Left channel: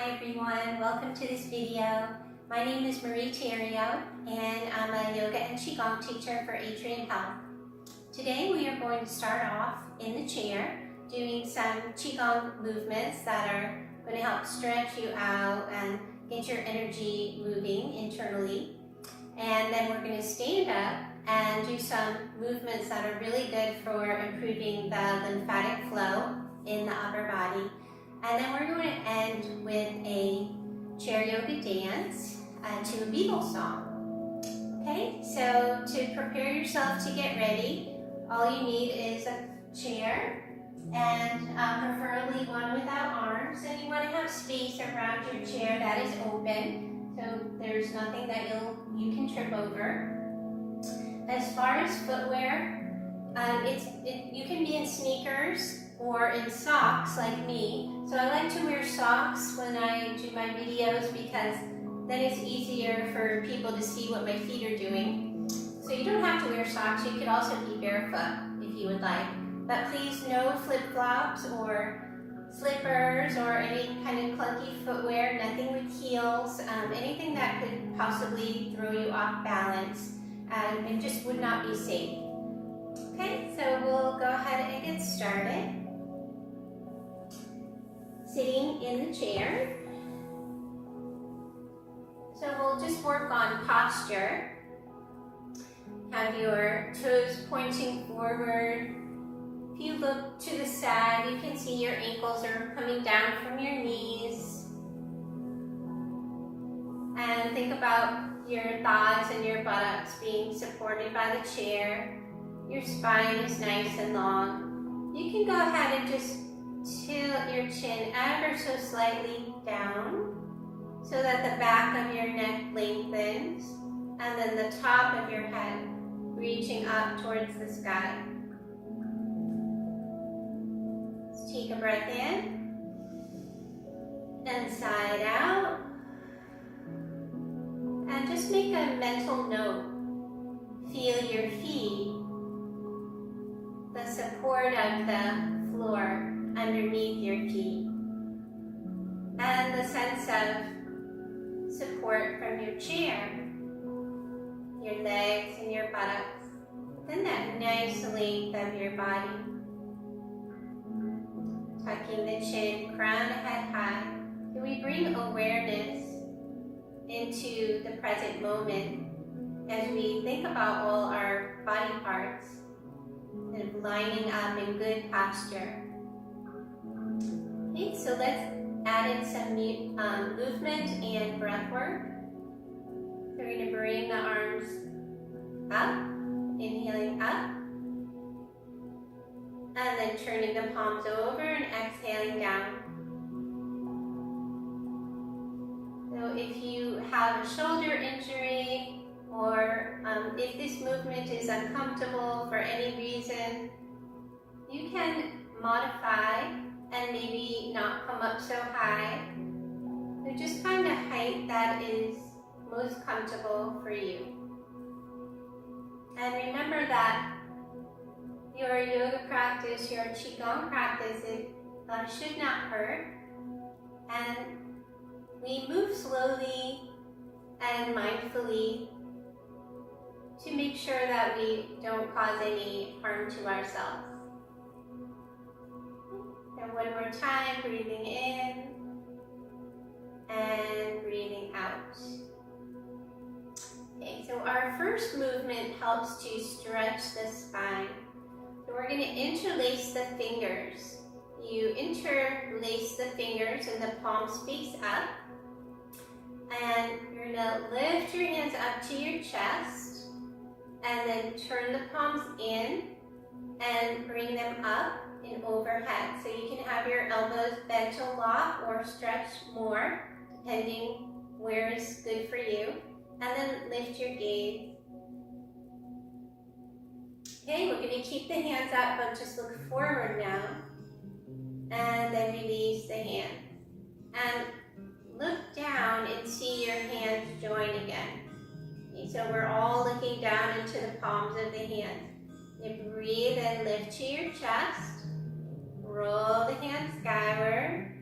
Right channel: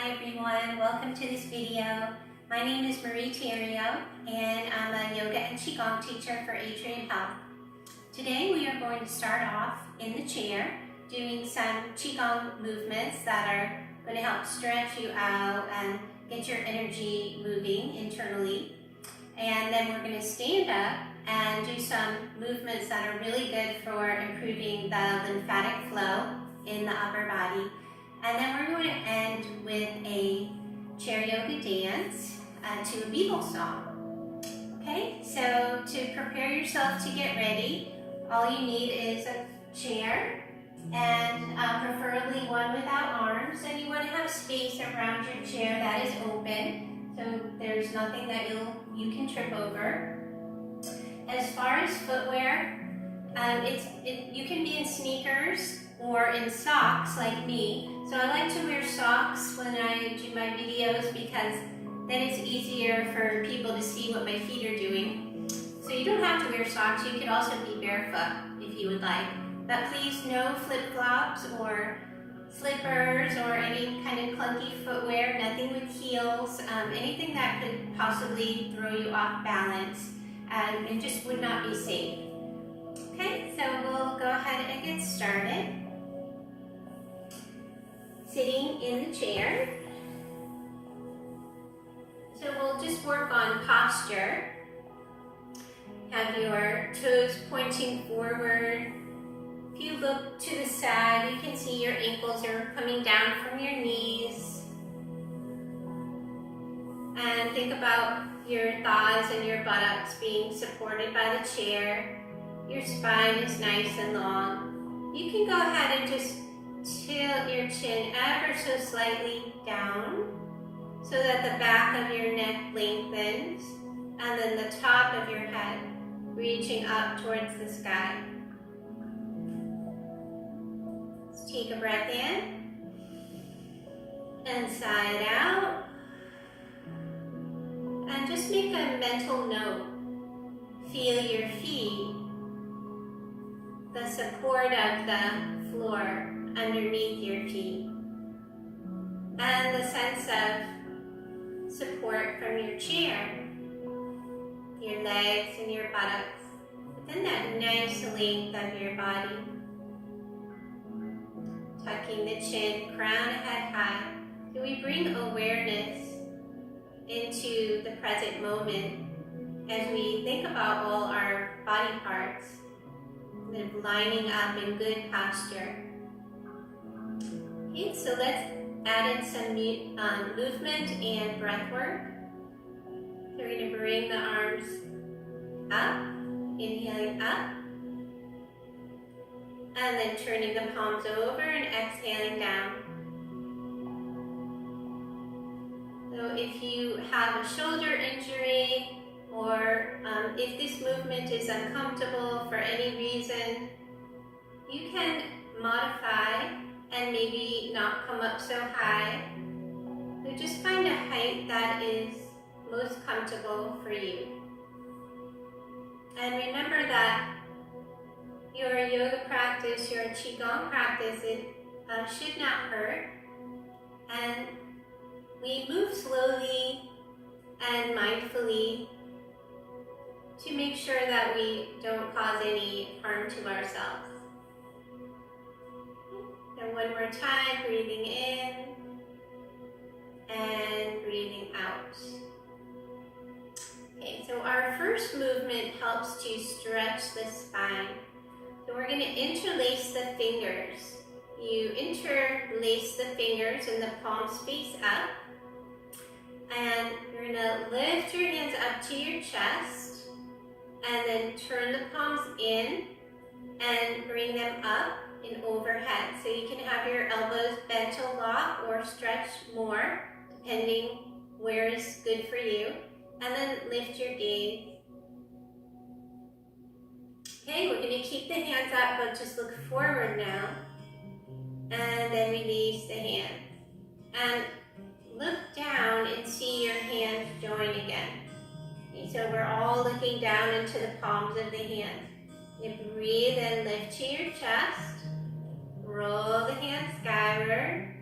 Hi everyone, welcome to this video. My name is Marie Theriault and I'm a yoga and Qigong teacher for Atrium Health. Today we are going to start off in the chair doing some Qigong movements that are going to help stretch you out and get your energy moving internally. And then we're going to stand up and do some movements that are really good for improving the lymphatic flow in the upper body. And then we're going to end with a chair yoga dance to a Beatles song. Okay, so to prepare yourself to get ready, all you need is a chair and preferably one without arms. And you want to have space around your chair that is open, so there's nothing that you can trip over. As far as footwear, you can be in sneakers or in socks like me. So I like to wear socks when I do my videos because then it's easier for people to see what my feet are doing. So you don't have to wear socks, you could also be barefoot if you would like. But please no flip-flops or slippers or any kind of clunky footwear, nothing with heels, anything that could possibly throw you off balance and just would not be safe. Okay, so we'll go ahead and get started. Sitting in the chair. So we'll just work on posture. Have your toes pointing forward. If you look to the side, you can see your ankles are coming down from your knees. And think about your thighs and your buttocks being supported by the chair. Your spine is nice and long. You can go ahead and just tilt your chin ever so slightly down so that the back of your neck lengthens and then the top of your head reaching up towards the sky. Let's take a breath in and sigh it out. And just make a mental note. Feel your feet, the support of the floor underneath your feet, and the sense of support from your chair, your legs and your buttocks, but then that nice length of your body. Tucking the chin, crown head high. So we bring awareness into the present moment as we think about all our body parts, kind of lining up in good posture. Okay, so let's add in some movement and breath work. So we're going to bring the arms up, inhaling up, and then turning the palms over and exhaling down. So if you have a shoulder injury or if this movement is uncomfortable for any reason, you can modify and maybe not come up so high. So just find a height that is most comfortable for you. And remember that your yoga practice, your Qigong practice, it should not hurt. And we move slowly and mindfully to make sure that we don't cause any harm to ourselves. And one more time, breathing in and breathing out. Okay, so our first movement helps to stretch the spine. So we're going to interlace the fingers. You interlace the fingers and the palms face up. And you're going to lift your hands up to your chest and then turn the palms in and bring them up and overhead. So you can have your elbows bent a lot or stretch more, depending where is good for you. And then lift your gaze. Okay, we're going to keep the hands up, but just look forward now. And then release the hands. And look down and see your hands join again. Okay, so we're all looking down into the palms of the hands. You breathe and lift to your chest. Roll the hands skyward.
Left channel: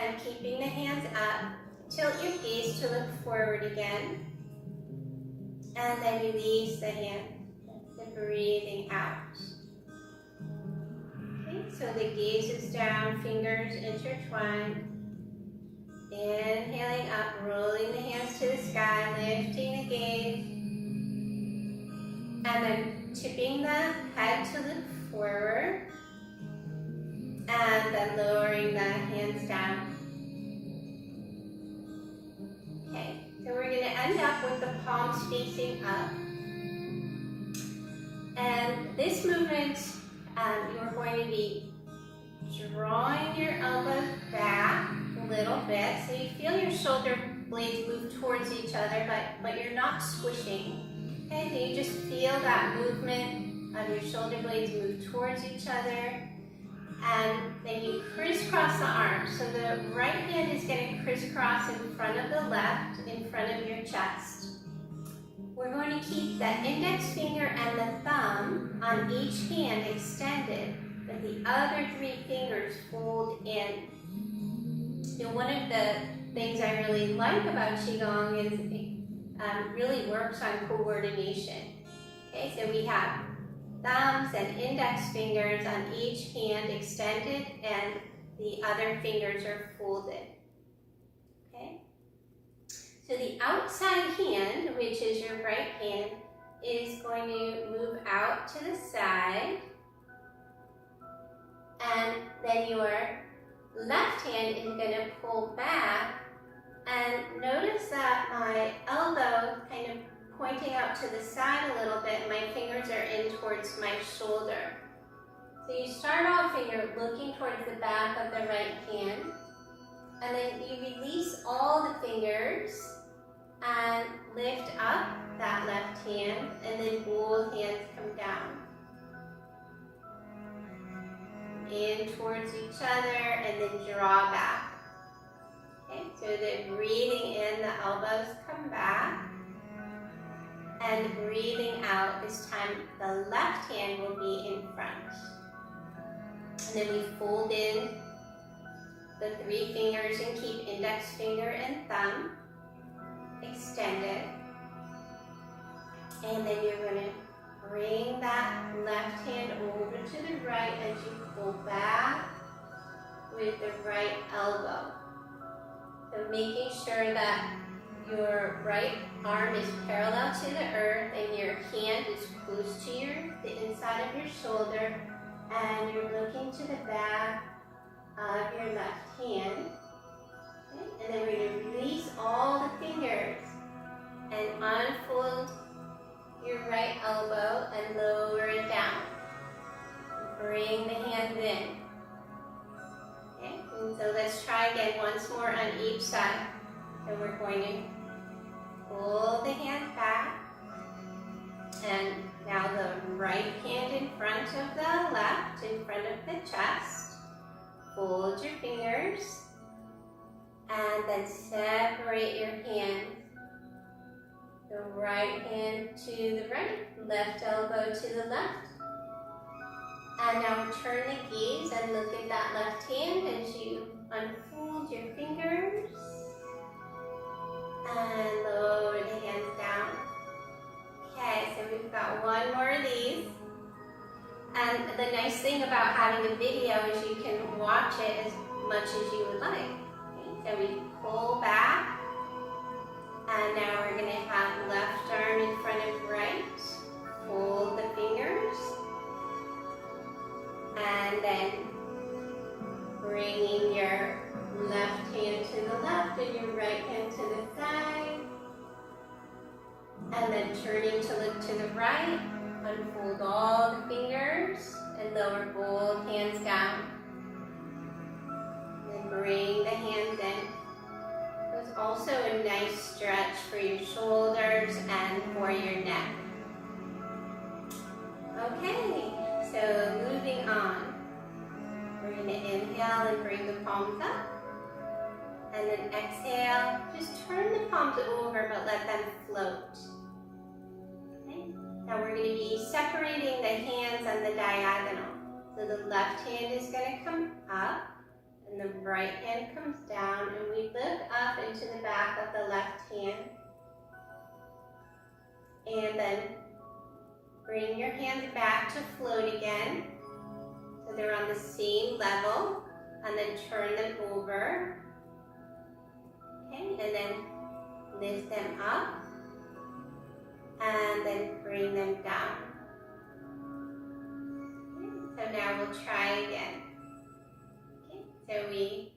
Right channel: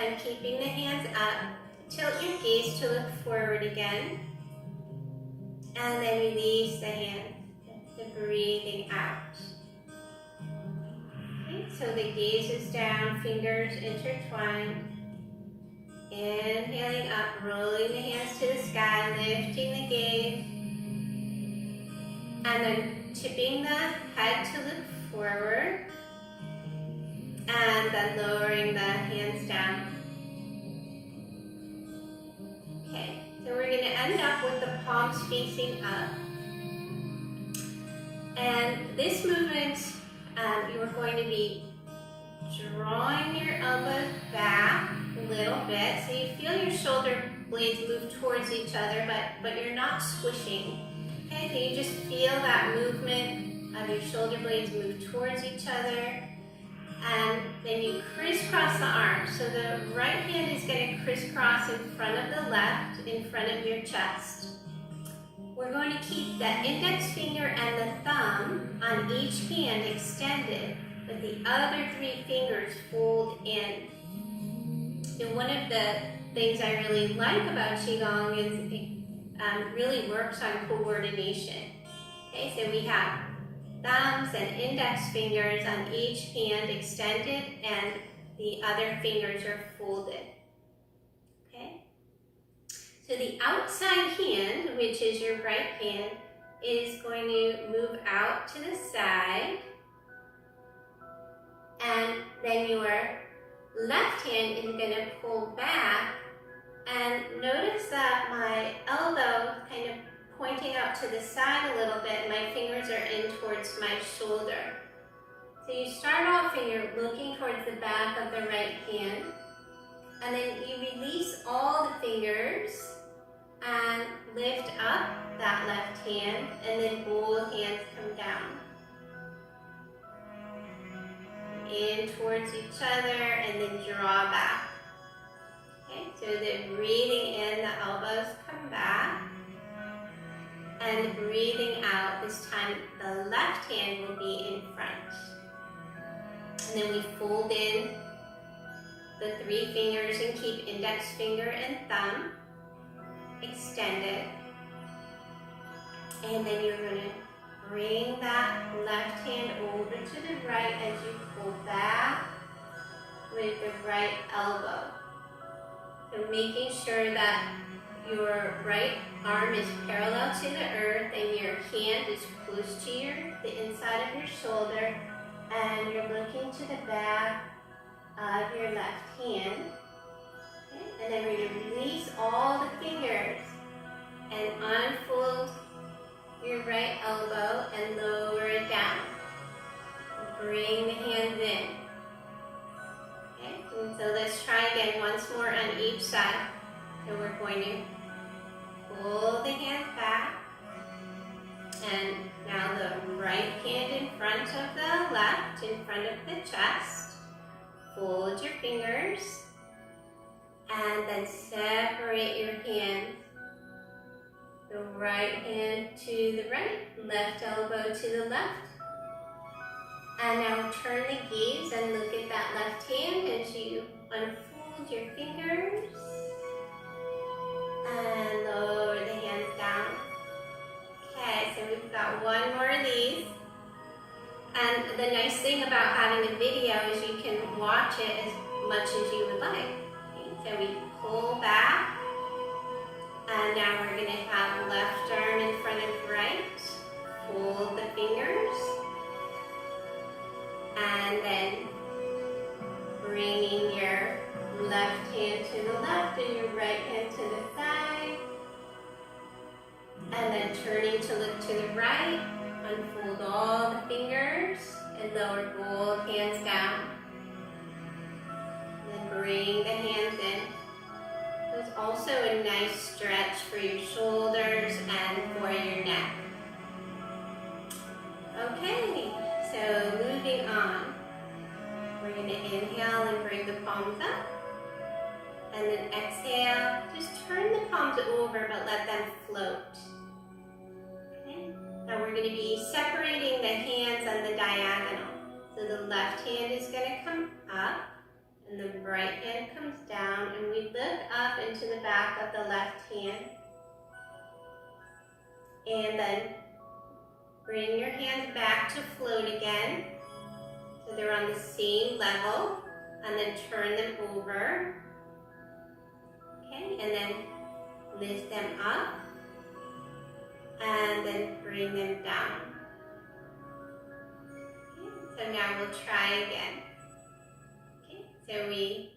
and keeping the hands up, tilt your gaze to look forward again. And then release the hand, the breathing out. Okay, so the gaze is down, fingers intertwined. Inhaling up, rolling the hands to the sky, lifting the gaze. And then tipping the head to look forward. And then lowering the hands down. Okay, so we're going to end up with the palms facing up. And this movement, you're going to be drawing your elbows back a little bit. So you feel your shoulder blades move towards each other, but you're not squishing. Okay, so you just feel that movement of your shoulder blades move towards each other. And then you crisscross the arms. So the right hand is going to crisscross in front of the left, in front of your chest. We're going to keep the index finger and the thumb on each hand extended, but the other 3 fingers fold in. And one of the things I really like about Qigong is it really works on coordination. Okay, so we have thumbs and index fingers on each hand extended, and the other fingers are folded. Okay? So the outside hand, which is your right hand, is going to move out to the side, and then your left hand is going to pull back, and notice that my elbow kind of pointing out to the side a little bit, and my fingers are in towards my shoulder. So you start off and you're looking towards the back of the right hand, and then you release all the fingers and lift up that left hand, and then both hands come down. In towards each other, and then draw back. Okay, so the breathing in, the elbows come back. And breathing out, this time the left hand will be in front. And then we fold in the 3 fingers and keep index finger and thumb extended. And then you're going to bring that left hand over to the right as you pull back with the right elbow. So making sure that your right arm is parallel to the earth and your hand is close to the inside of your shoulder, and you're looking to the back of your left hand. Okay? And then we're going to release all the fingers and unfold your right elbow and lower it down. Bring the hands in. Okay? And so let's try again once more on each side. So we're going to pull the hand back, and now the right hand in front of the left, in front of the chest. Fold your fingers, and then separate your hands. The right hand to the right, left elbow to the left. And now turn the gaze and look at that left hand as you unfold your fingers. And lower the hands down. Okay, so we've got one more of these. And the nice thing about having a video is you can watch it as much as you would like. Okay, so we pull back. And now we're going to have left arm in front of right. Fold the fingers. And then bringing your left hand to the left and your right hand to the side. And then turning to look to the right, unfold all the fingers and lower both hands down. Then bring the hands in. There's also a nice stretch for your shoulders and for your neck. Okay, so moving on. We're going to inhale and bring the palms up. And then exhale, just turn the palms over, but let them float. Okay? Now we're going to be separating the hands on the diagonal. So the left hand is going to come up, and the right hand comes down, and we look up into the back of the left hand. And then bring your hands back to float again, so they're on the same level, and then turn them over. Okay, and then lift them up, and then bring them down. Okay, so now we'll try again. Okay, so we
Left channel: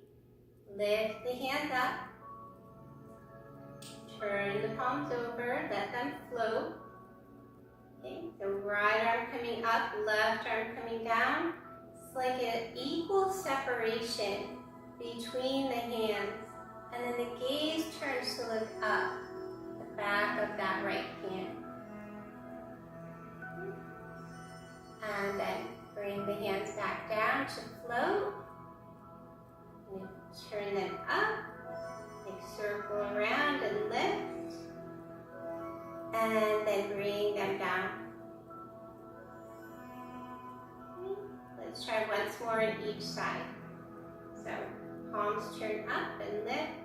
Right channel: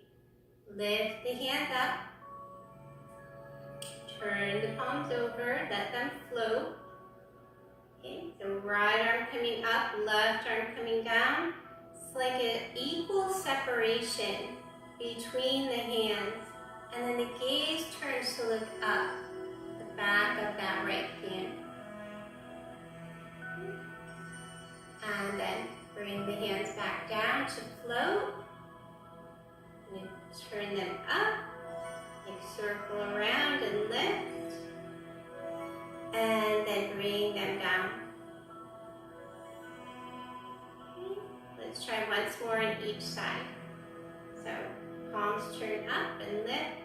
lift the hands up, turn the palms over, let them float. Okay, so right arm coming up, left arm coming down. It's like an equal separation between the hands. And then the gaze turns to look up, the back of that right hand. Okay. And then bring the hands back down to float. And turn them up, like circle around and lift. And then bring them down. Okay. Let's try once more on each side. So palms turn up and lift.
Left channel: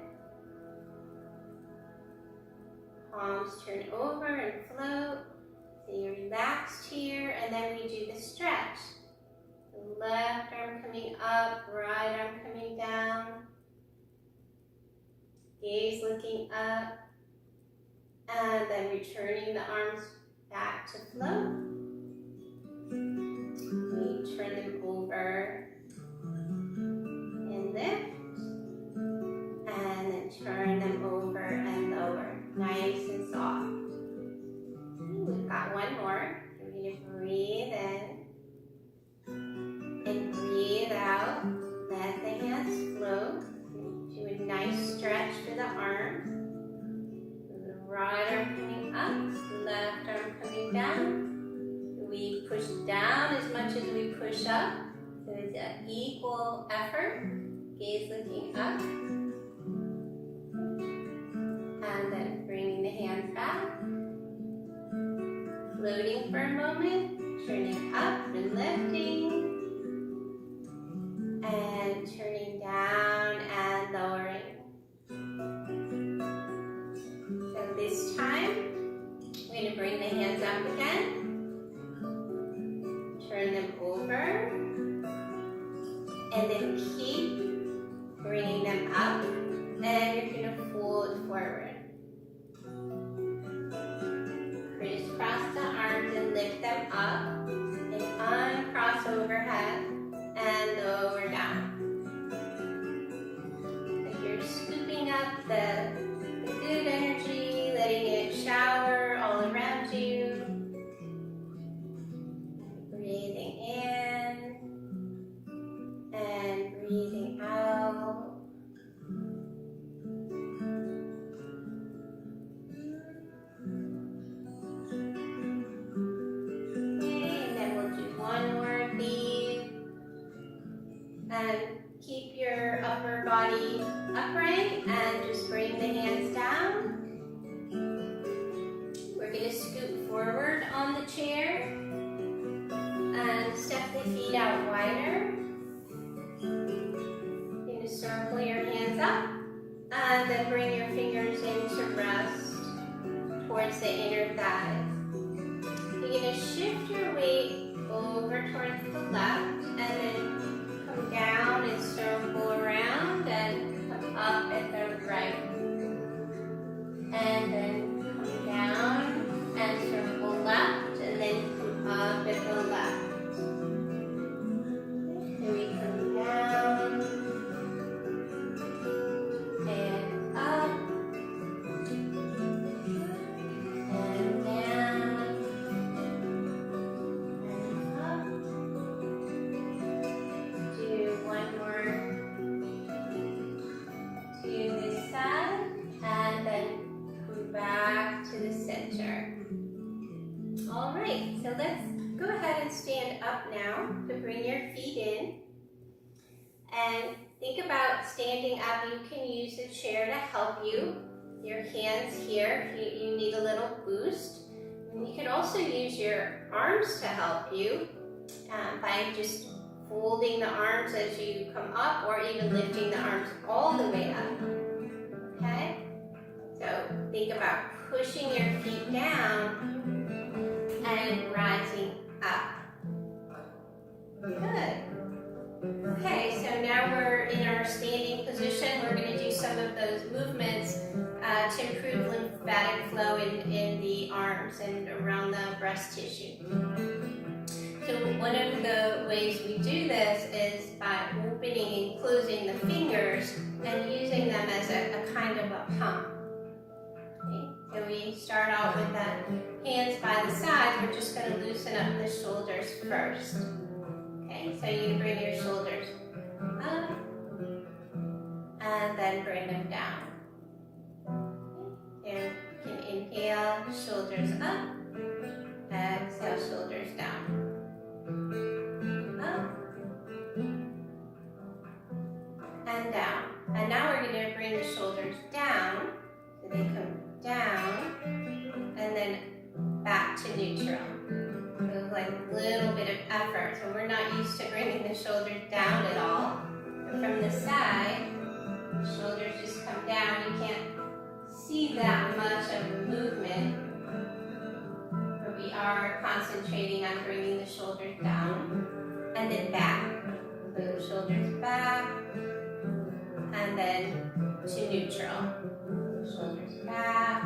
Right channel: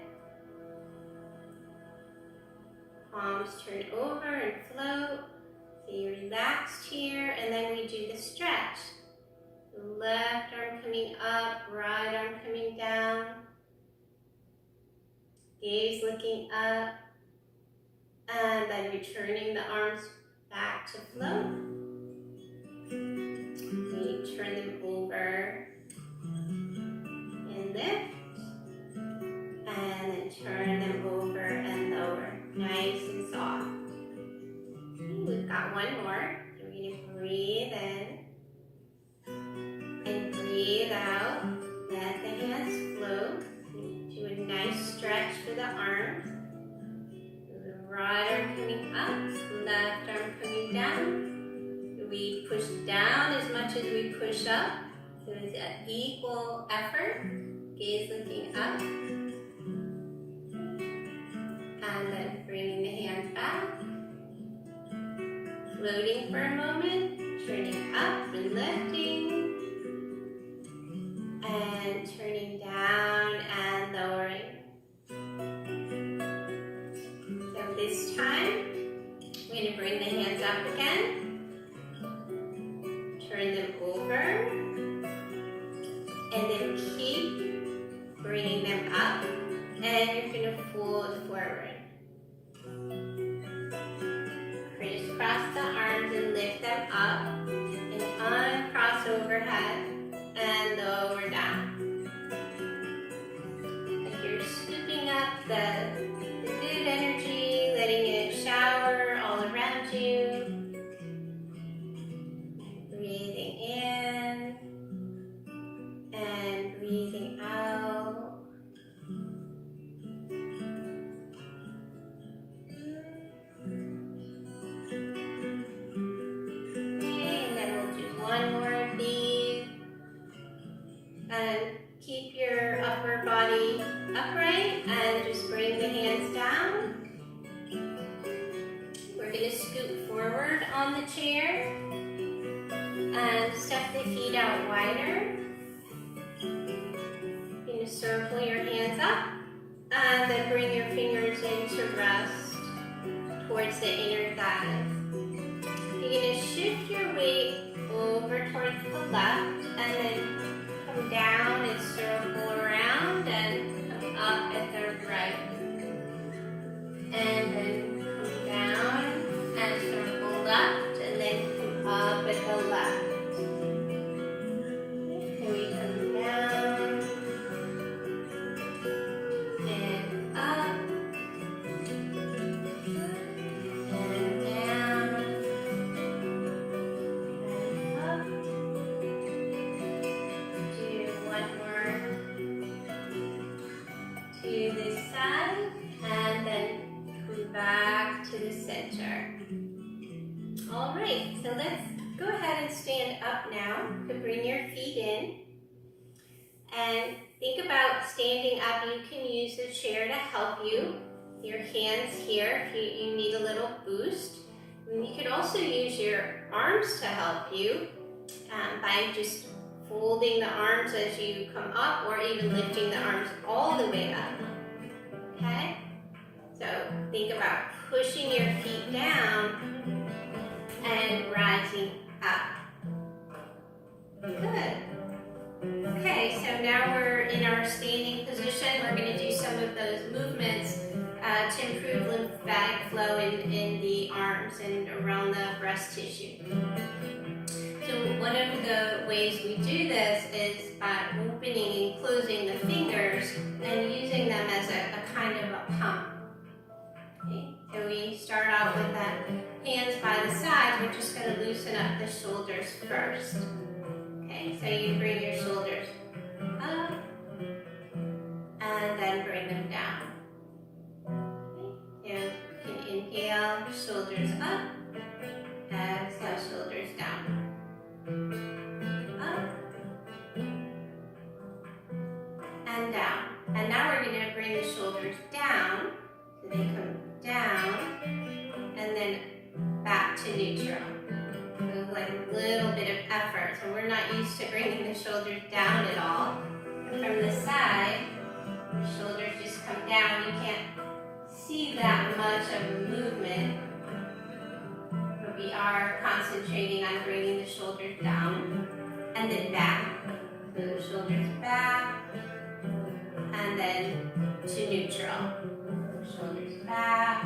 Palms turn over and float. So you're relaxed here, and then we do the stretch. The left arm coming up, right arm coming down. Gaze looking up. And then returning the arms back to float. We turn them over and lift. And then turn them over and lower. Nice and soft. Okay, we've got one more. We're going to breathe in and breathe out. Let the hands float. Do a nice stretch for the arms. Right arm coming up, left arm coming down. We push down as much as we push up. So it's an equal effort. Gaze looking up. And then bringing the hands back. Floating for a moment. Turning up and lifting. And turning down and lowering. This time, we're going to bring the hands up again, turn them over, and then keep bringing them up, and you're going to fold forward. Crisscross the arms and lift them up, and uncross overhead, and lower down. Like you're scooping up the good energy, letting it shower all around you. Breathing in and breathing out. Okay, and then we'll do one more of these. And keep your upper body upright and just bring the hands down. We're going to scoot forward on the chair and step the feet out wider. You're going to circle your hands up and then bring your fingers into rest towards the inner thighs. You're going to shift your weight over towards the left and then come down and circle around and come up at the right. And then come down and circle left and then come up at the left. So we come down and up and down and up. Do one more to this side and then come back to the center. All right, so let's go ahead and stand up now. You can bring your feet in and think about standing up. You can use the chair to help you. Your hands here if you need a little boost. And you can also use your arms to help you by just folding the arms as you come up, or even lifting the arms all the way up. Okay? So think about pushing your feet down and rising up. Good. Okay, so now we're in our standing position. We're going to do some of those movements to improve lymphatic flow in the arms and around the breast tissue. So one of the ways we do this is by opening and closing the fingers and using them as a kind of a pump. Okay, so we start out with the hands by the sides. We're just going to loosen up the shoulders first. Okay, so you bring your shoulders up and then bring them down. Okay, so you can inhale, shoulders up, exhale, shoulders down. Up and down. And now we're going to bring the shoulders down, so they come down and then back to neutral. So like a little bit of effort. So we're not used to bringing the shoulders down at all. But from the side, the shoulders just come down. You can't see that much of a movement, but we are concentrating on bringing the shoulders down and then back. So the shoulders back and then to neutral. Shoulders back,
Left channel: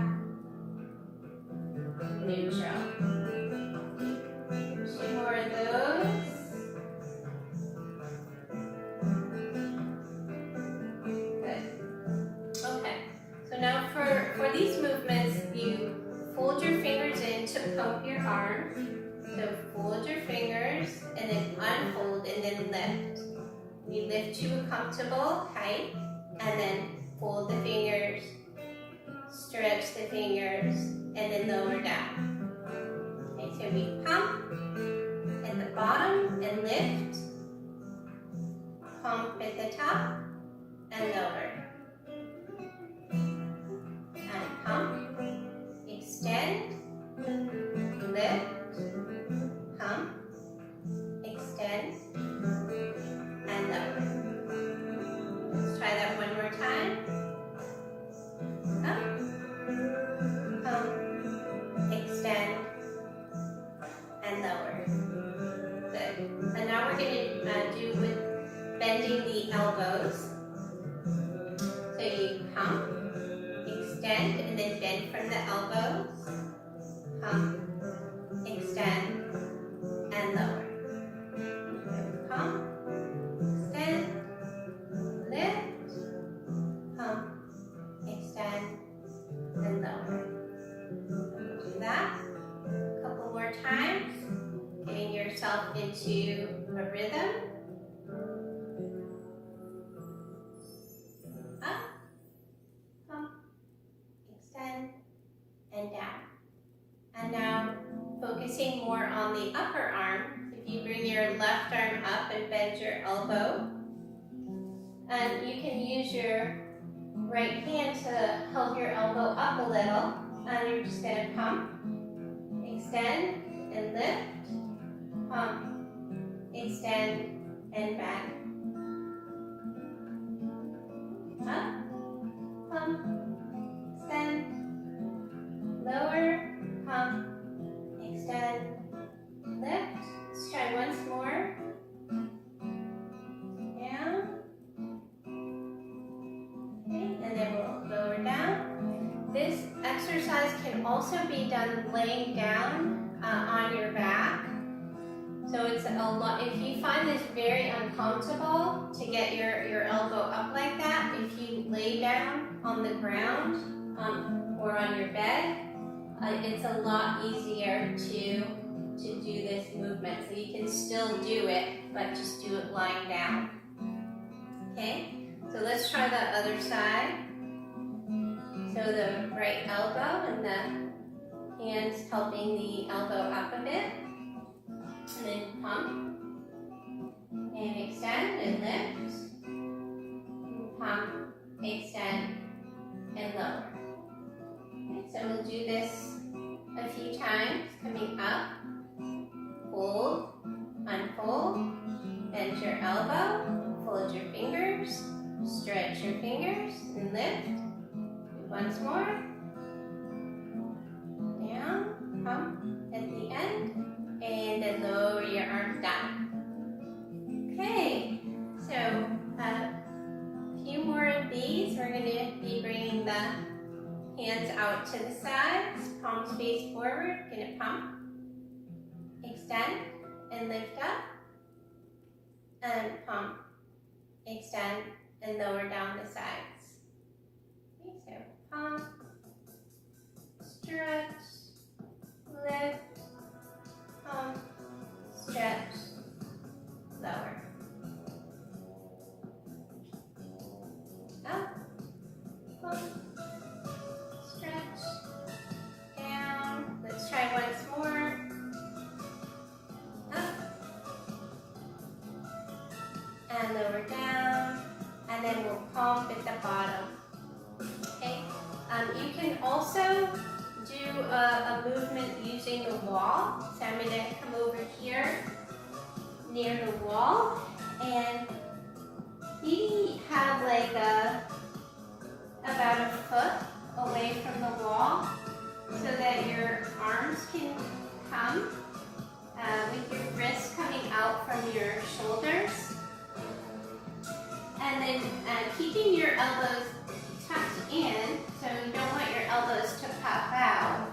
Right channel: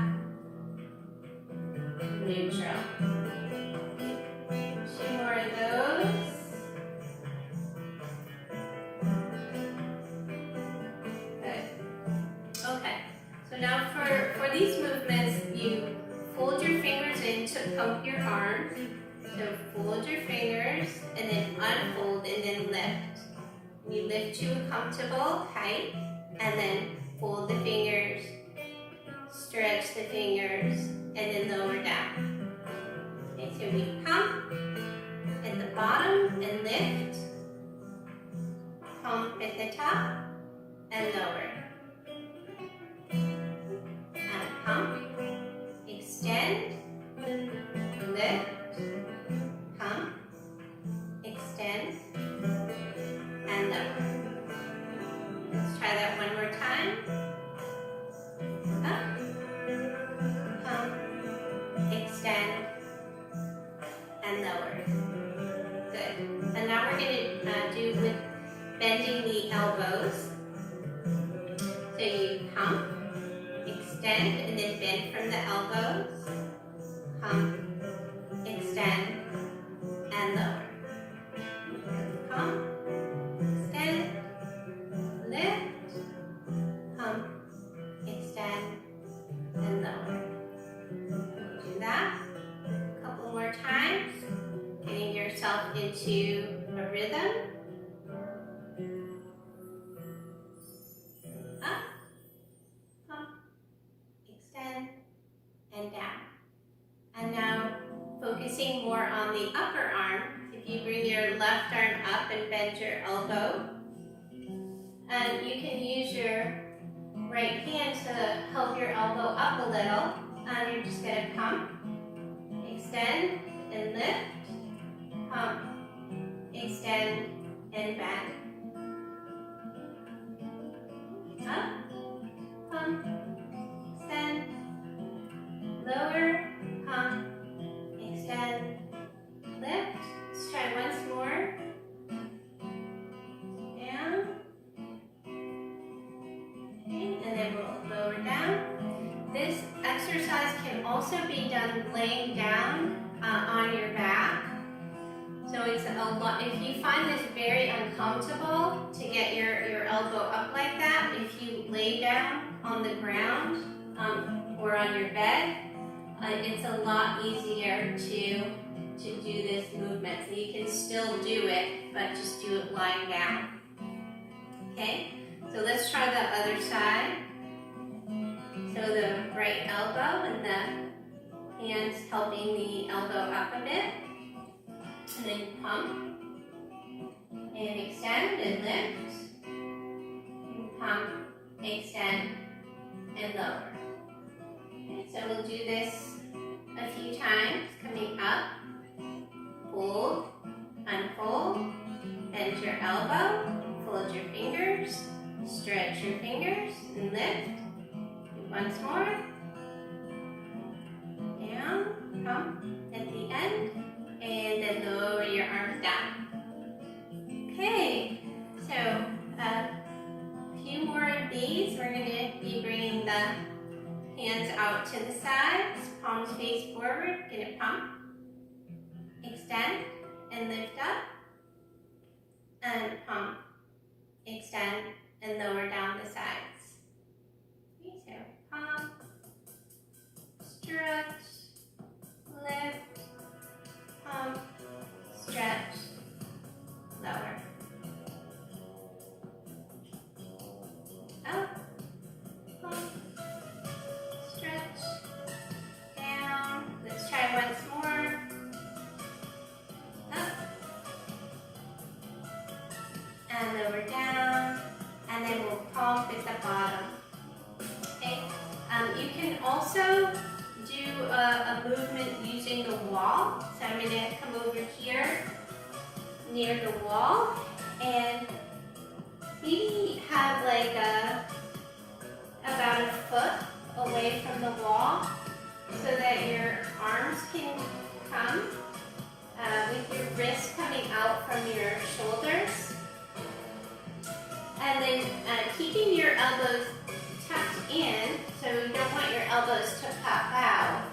neutral. 2 more of those. Good. Okay. So now for these movements, you fold your fingers in to pump your arms. So fold your fingers and then unfold and then lift. You lift to a comfortable height and then fold the fingers, stretch the fingers, and then lower down. Okay, so we pump at the bottom and lift, pump at the top and lower. And pump, extend, lift, pump, extend, and lower. Let's try that one more time. Up, pump, extend, and lower. Good. And now we're going to do with bending the elbows. So you pump, extend, and then bend from the elbows. Pump, extend, and lower. Pump, extend, lift, pump, extend, and lower. We'll do that a couple more times, getting yourself into a rhythm. Up, pump, extend, and down. And now focusing more on the upper arm. If you bring your left arm up and bend your elbow, and you can use your right hand to help your elbow up a little, and you're just going to pump, extend, and lift, pump, extend, and bend. Up, pump, extend, lower, pump, extend, lift. Let's try once more. Down. Okay, and then we'll lower down. This exercise can also be done laying down on your back. So it's a lot. If you find this very uncomfortable to get your elbow up like that, if you lay down on the ground or on your bed, it's a lot easier to do this movement. So you can still do it, but just do it lying down. Okay, so let's try the other side. So the right elbow and the hands helping the elbow up a bit. And then pump, and extend, and lift, and pump, extend, and lower. Okay, so we'll do this a few times, coming up, fold, unfold, bend elbow, fold your fingers, stretch your fingers, and lift. Once more. Down, pump at the end, and then lower your arms down. Okay, so a few more of these. We're going to be bringing the hands out to the sides, palms face forward. Going to pump, extend, and lift up, and pump, extend, and lower down the sides. Okay, so pump, stretch, lift, pump, stretch, lower. Up, pump, stretch, down. Let's try once more. Up, and lower down, and then we'll pump at the bottom. Okay. You can also do a movement using the wall. So I'm going to come over here near the wall and maybe have like about a foot away from the wall so that your arms can come with your wrists coming out from your shoulders. And then keeping your elbows tucked in, so you don't want your elbows to pop out.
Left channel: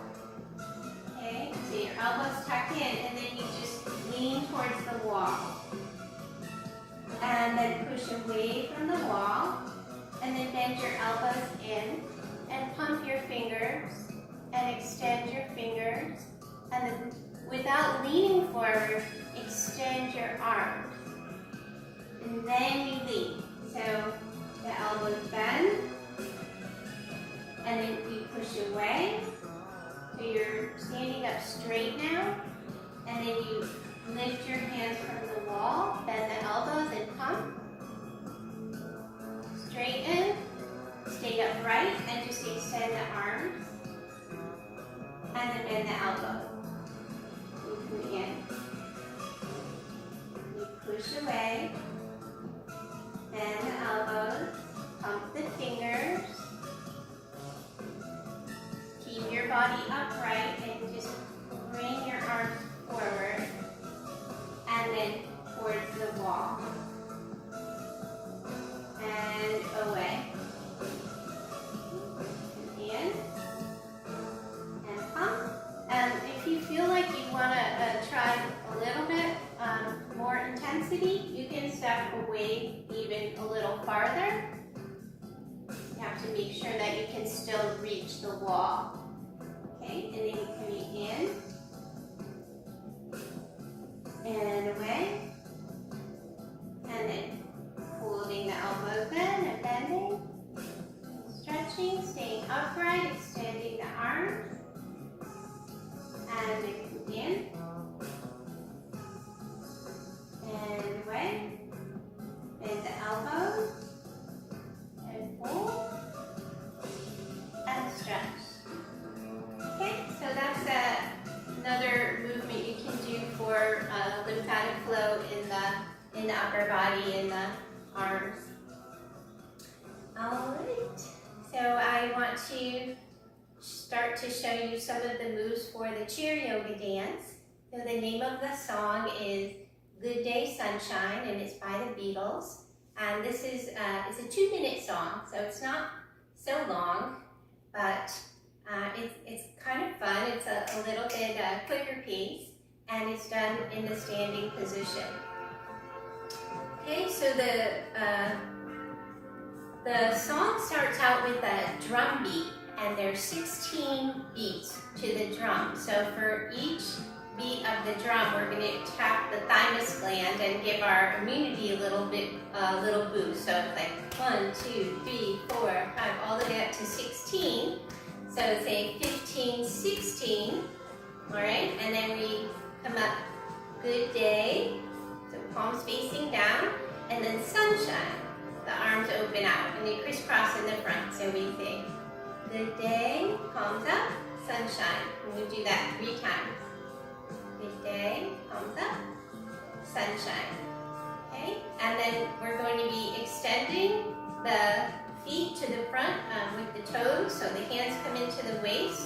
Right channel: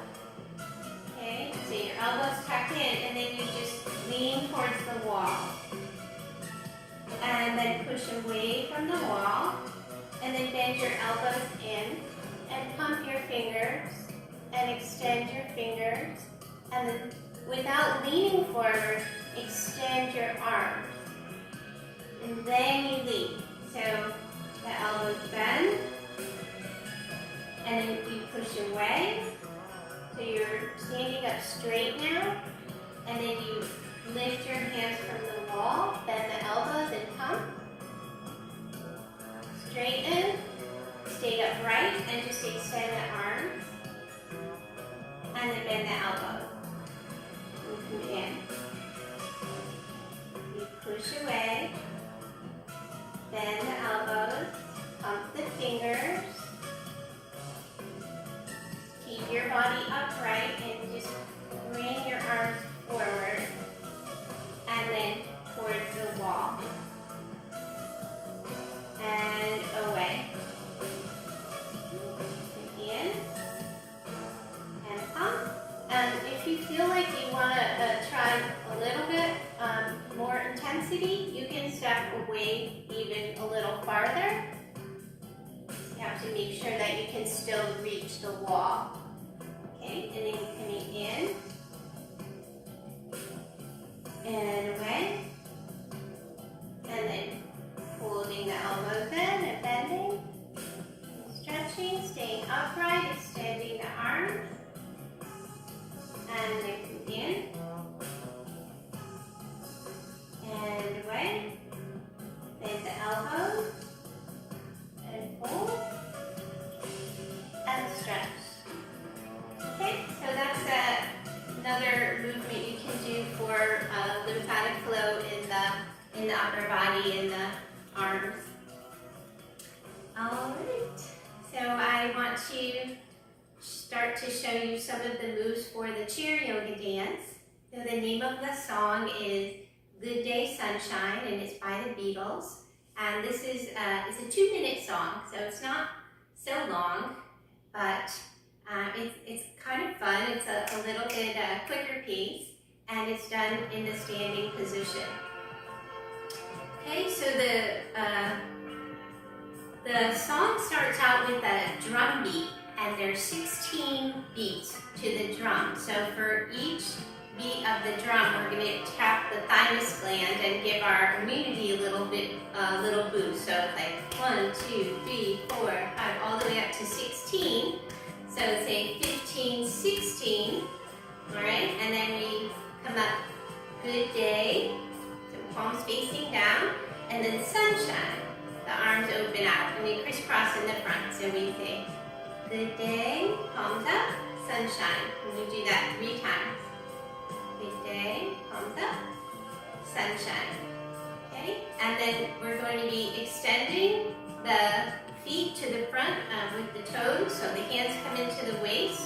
Okay, so your elbows tucked in, and then you just lean towards the wall. And then push away from the wall, and then bend your elbows in, and pump your fingers, and extend your fingers, and then without leaning forward, extend your arms. And then you lean. So the elbows bend, and then you push away. So you're standing up straight now, and then you lift your hands from the wall, bend the elbows and pump. Straighten, stay upright, and just extend the arms. And then bend the elbow. And again. You push away, bend the elbows, pump the fingers. Keep your body upright and just bring your arms forward and then towards the wall and away. In and pump. If you feel like you want to try a little bit more intensity, you can step away even a little farther. You have to make sure that you can still reach the wall. Okay, and then you're coming in and away, and then holding the elbows in and bending, stretching, staying upright, extending the arms, and then come in and away, bend the elbows, and hold, and stretch. Okay, so that's another movement you can do for lymphatic flow in the upper body, in the arms. All right, so I want to start to show you some of the moves for the chair yoga dance. So the name of the song is Good Day Sunshine, and it's by the Beatles. And this is it's a 2-minute song, so it's not so long, but it's kind of fun. It's a little bit quicker pace, and it's done in the standing position. Okay, so the song starts out with a drum beat, and there's 16 beats to the drum. So for each beat of the drum, we're going to tap the thymus gland and give our immunity a little boost. So it's like 1, 2, 3, 4, 5, all the way up to 16. So say 15, 16. All right, and then we come up, good day. So palms facing down, and then sunshine. The arms open out, and they crisscross in the front. So we say, good day, palms up, sunshine. And we do that 3 times. Good day, palms up, sunshine. Okay, and then we're going to be extending the feet to the front with the toes, so the hands come into the waist.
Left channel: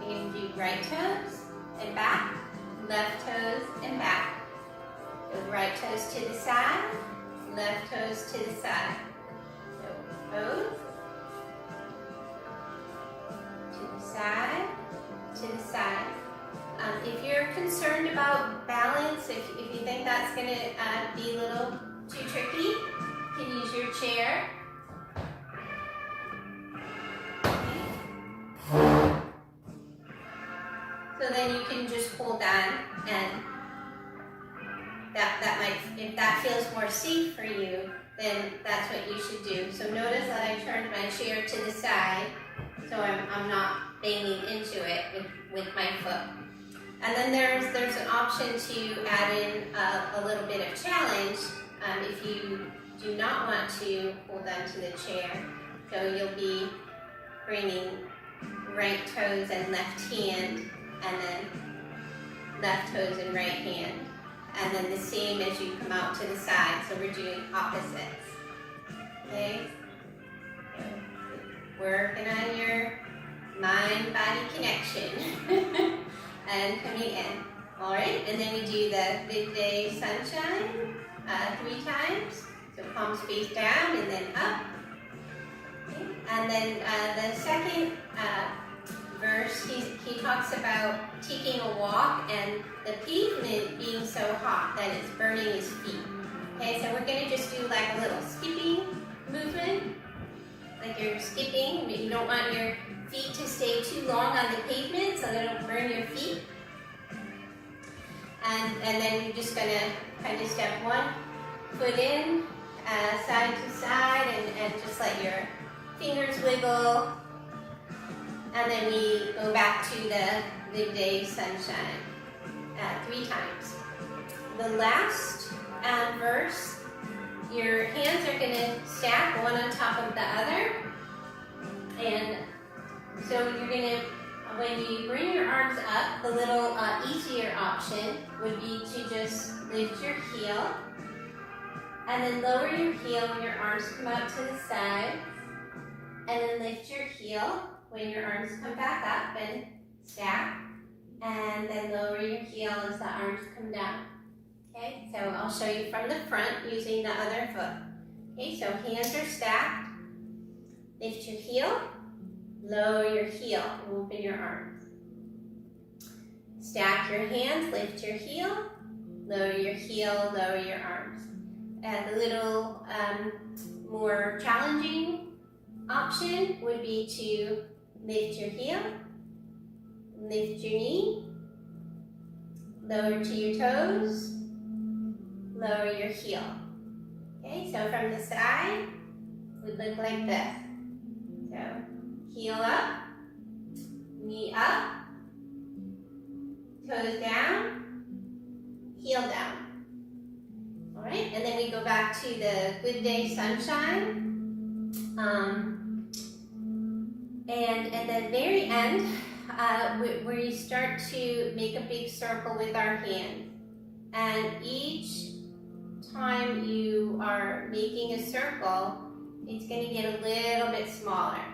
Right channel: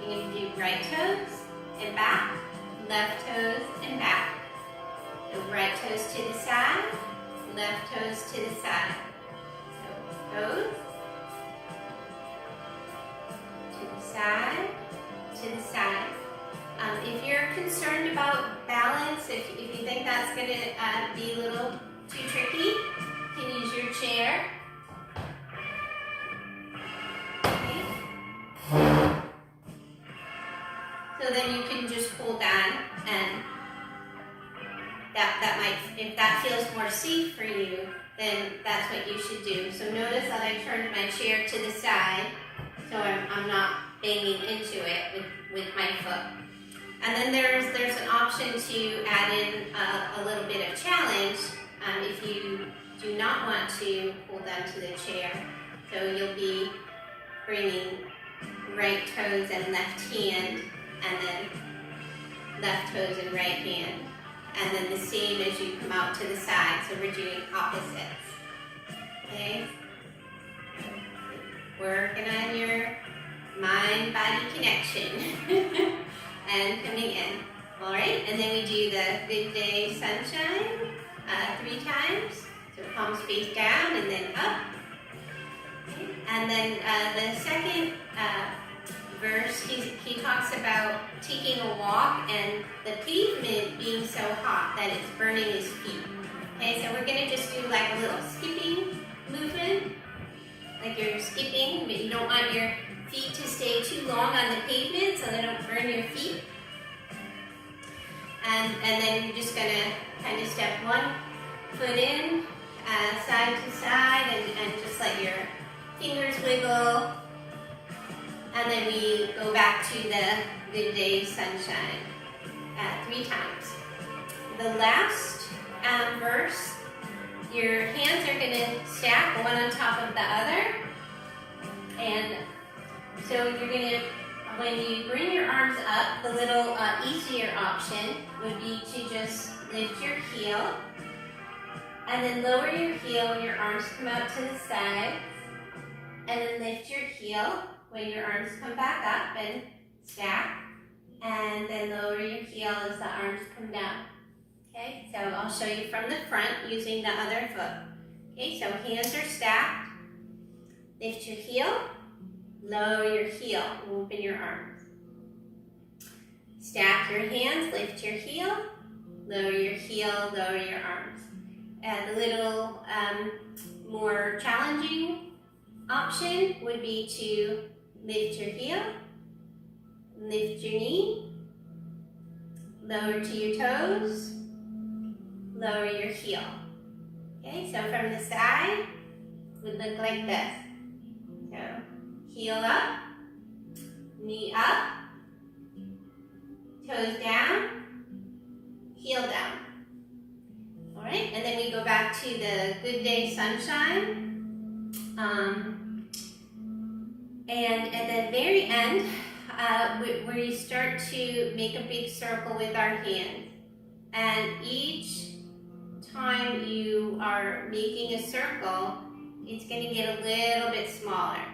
You're going to do right toes and back, left toes and back. So right toes to the side, left toes to the side. So toes to the side, to the side. If you're concerned about balance, if you think that's going to be a little too tricky, you can use your chair. Okay. So then you can just hold on, and that might, if that feels more safe for you, then that's what you should do. So notice that I turned my chair to the side, so I'm not banging into it with my foot. And then there's an option to add in a little bit of challenge if you do not want to hold on to the chair. So you'll be bringing right toes and left hand, and then left toes and right hand. And then the same as you come out to the side, so we're doing opposites. Okay? So working on your mind-body connection. And coming in. All right, and then we do the Good Day Sunshine 3 times. So palms face down and then up. Okay. And then the second verse, he talks about taking a walk and the pavement being so hot that it's burning his feet. Okay, so we're gonna just do like a little skipping movement, like you're skipping, but you don't want your feet to stay too long on the pavement so they don't burn your feet. And then you're just gonna kind of step one foot in, side to side, and just let your fingers wiggle. And then we go back to the Good Day Sunshine 3 times. The last verse, your hands are gonna stack one on top of the other. And so you're gonna, when you bring your arms up, the little easier option would be to just lift your heel and then lower your heel when your arms come out to the side, and then lift your heel when your arms come back up and stack, and then lower your heel as the arms come down. Okay, so I'll show you from the front using the other foot. Okay, so hands are stacked, lift your heel, lower your heel, open your arms. Stack your hands, lift your heel, lower your heel, lower your arms. And the little more challenging option would be to lift your heel, lift your knee, lower to your toes, lower your heel. Okay, so from the side, would look like this. So heel up, knee up, toes down, heel down. All right, and then we go back to the Good Day Sunshine. And at the very end, where you start to make a big circle with our hands. And each time you are making a circle, it's going to get a little bit smaller.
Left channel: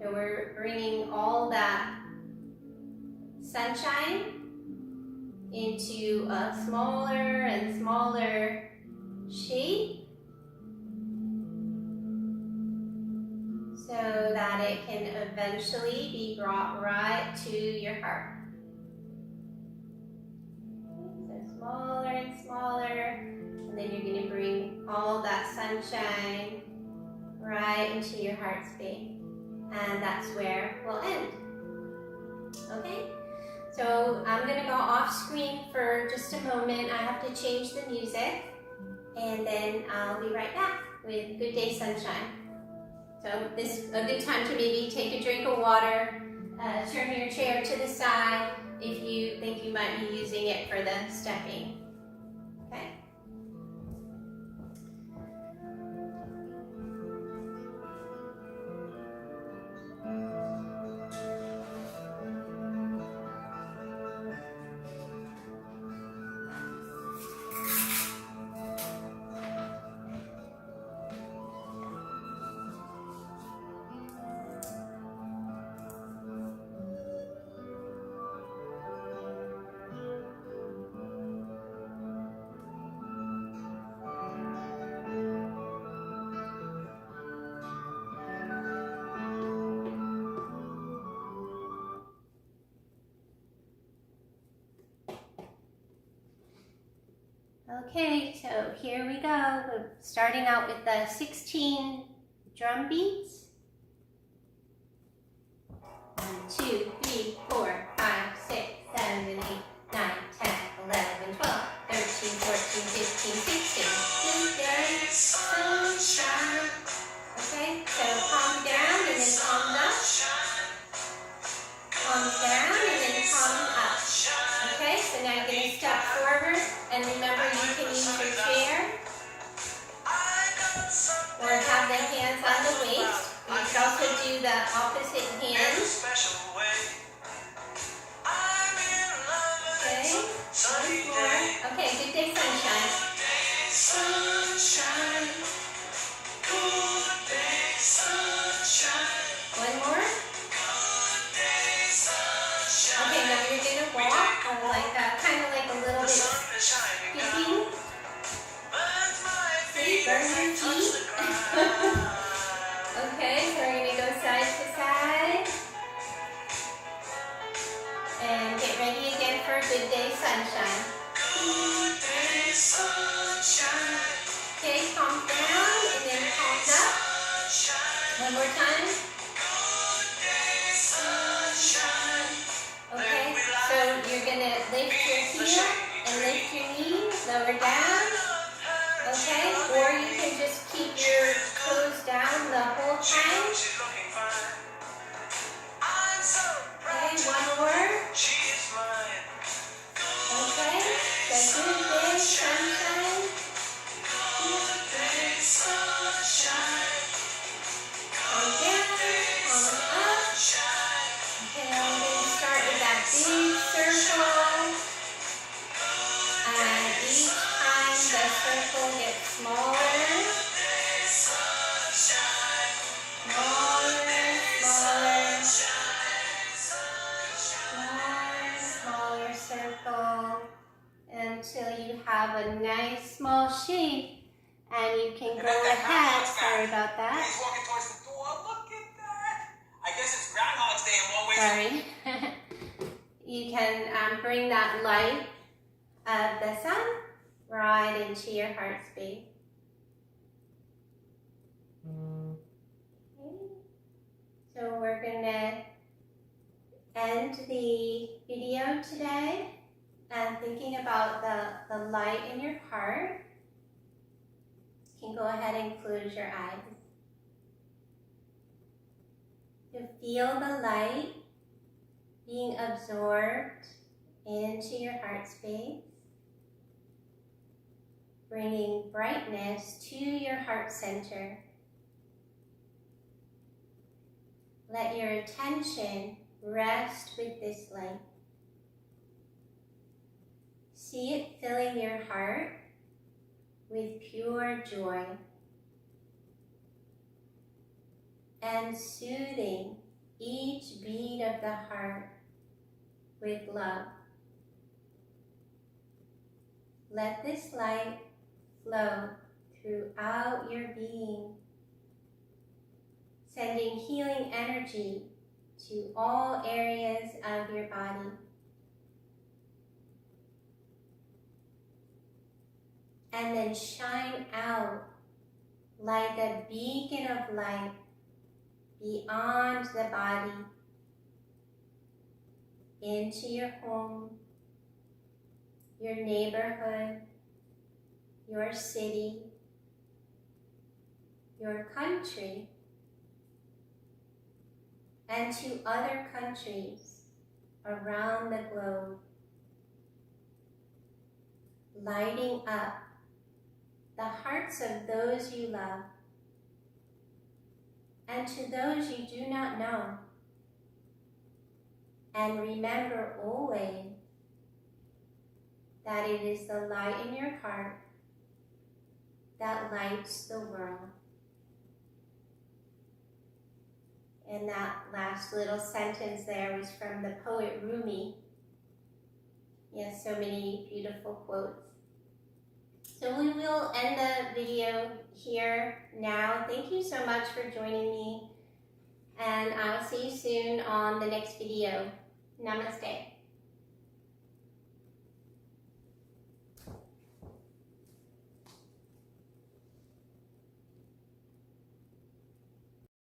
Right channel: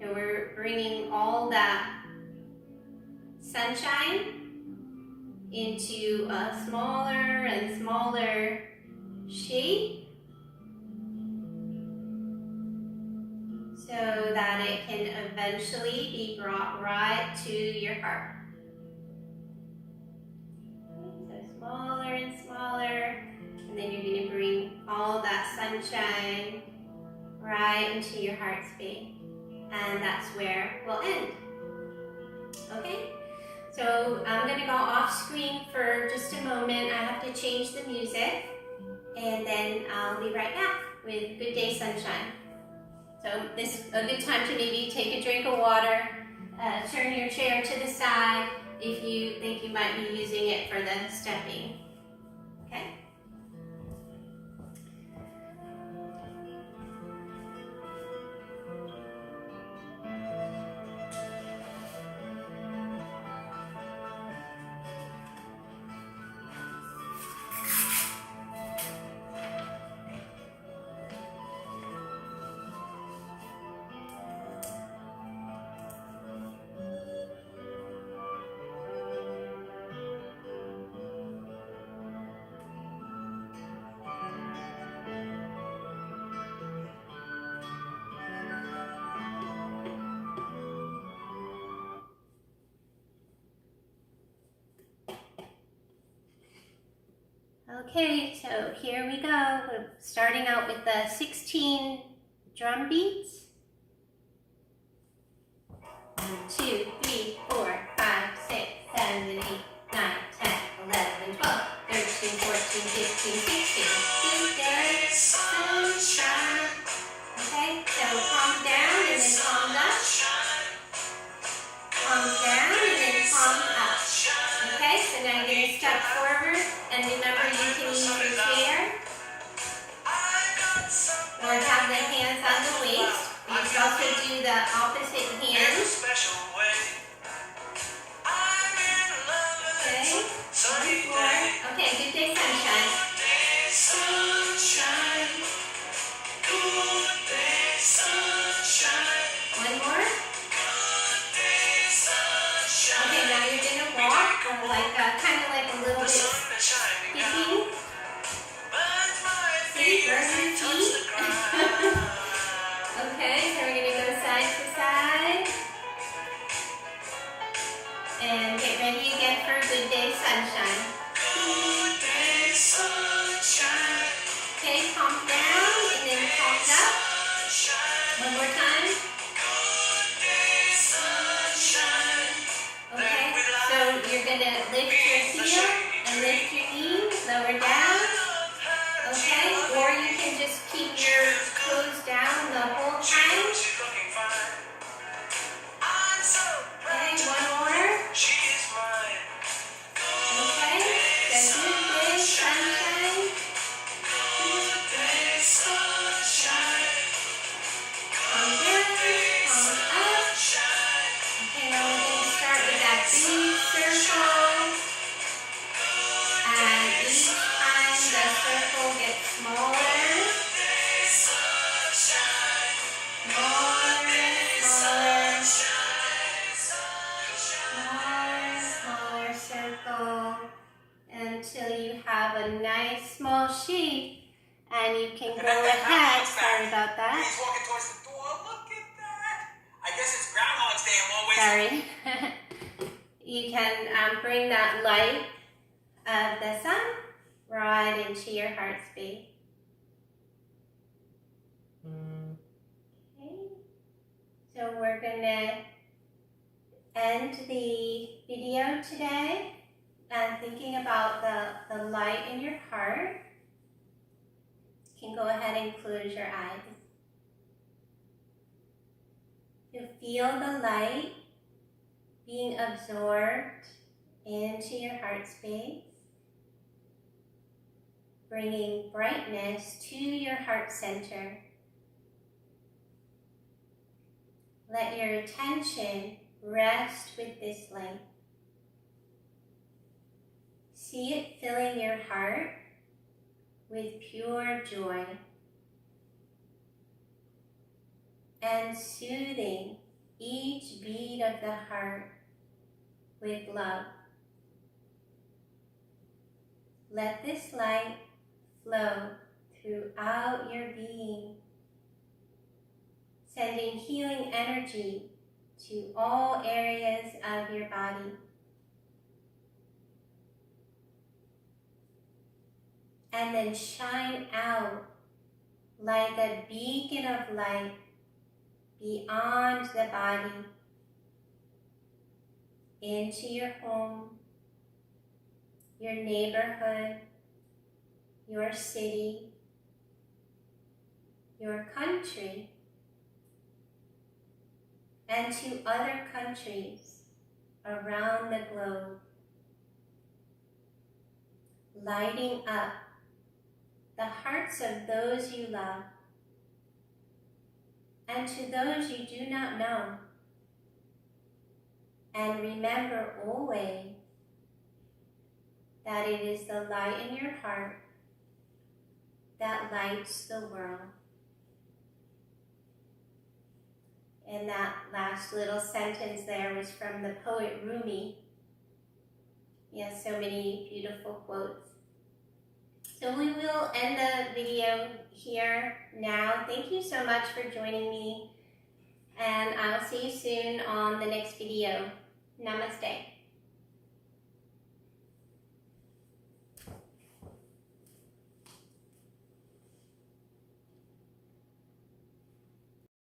So we're bringing all that sunshine into a smaller and smaller shape so that it can eventually be brought right to your heart. So smaller and smaller, and then you're going to bring all that sunshine right into your heart space. And that's where we'll end. Okay? So I'm going to go off screen for just a moment. I have to change the music, and then I'll be right back with Good Day Sunshine. So this is a good time to maybe take a drink of water, turn your chair to the side if you think you might be using it for the stepping. Okay? Okay, so here we go. We're starting out with the 16 drum beats. 1, 2, 3, 4, 5, 6, 7, 8, 9, 10, 11, 12, 13, 14, 15, 16. Good day, sunshine. Okay, so palms down and then palms up. Palms down and then palms up. Okay, so now you're going to step forward, and remember you can use your chair or have the hands on the waist. You can also do the opposite hand. Okay, one more. Okay, good day, sunshine. Sunshine, good day, sunshine. One more. Okay, now you're gonna walk, like kind of like a little bit skipping. See, burn your feet. Okay, so we're gonna go side to side. And get ready again for a good day, sunshine. Good day, sunshine. Okay, palms down and then palms up. One more time. Okay, so you're going to lift your heel and lift your knee, lower down. Okay, or you can just keep your toes down the whole time. Okay, one more. Okay, so good day, sunshine. Good day, sunshine. Palm down, palm up. Okay, now we're going to start with that big circle. And each time the circle gets smaller. Smaller, smaller. Smaller circle until you have a nice small shape, and you can go ahead. Sorry about that. He's walking towards the door. Look at that. I guess it's Groundhog's Day in one way. Sorry. You can bring that light of the sun right into your heart space. Okay. So we're going to end the video today and thinking about the light in your heart. You can go ahead and close your eyes. You feel the light being absorbed into your heart space, bringing brightness to your heart center. Let your attention rest with this light. See it filling your heart with pure joy and soothing each beat of the heart with love. Let this light flow throughout your being, sending healing energy to all areas of your body. And then shine out like a beacon of light beyond the body, into your home, your neighborhood, your city, your country, and to other countries around the globe, lighting up the hearts of those you love and to those you do not know. And remember always that it is the light in your heart that lights the world. And that last little sentence there was from the poet Rumi. He has so many beautiful quotes. So we will end the video here now. Thank you so much for joining me, and I'll see you soon on the next video. Namaste.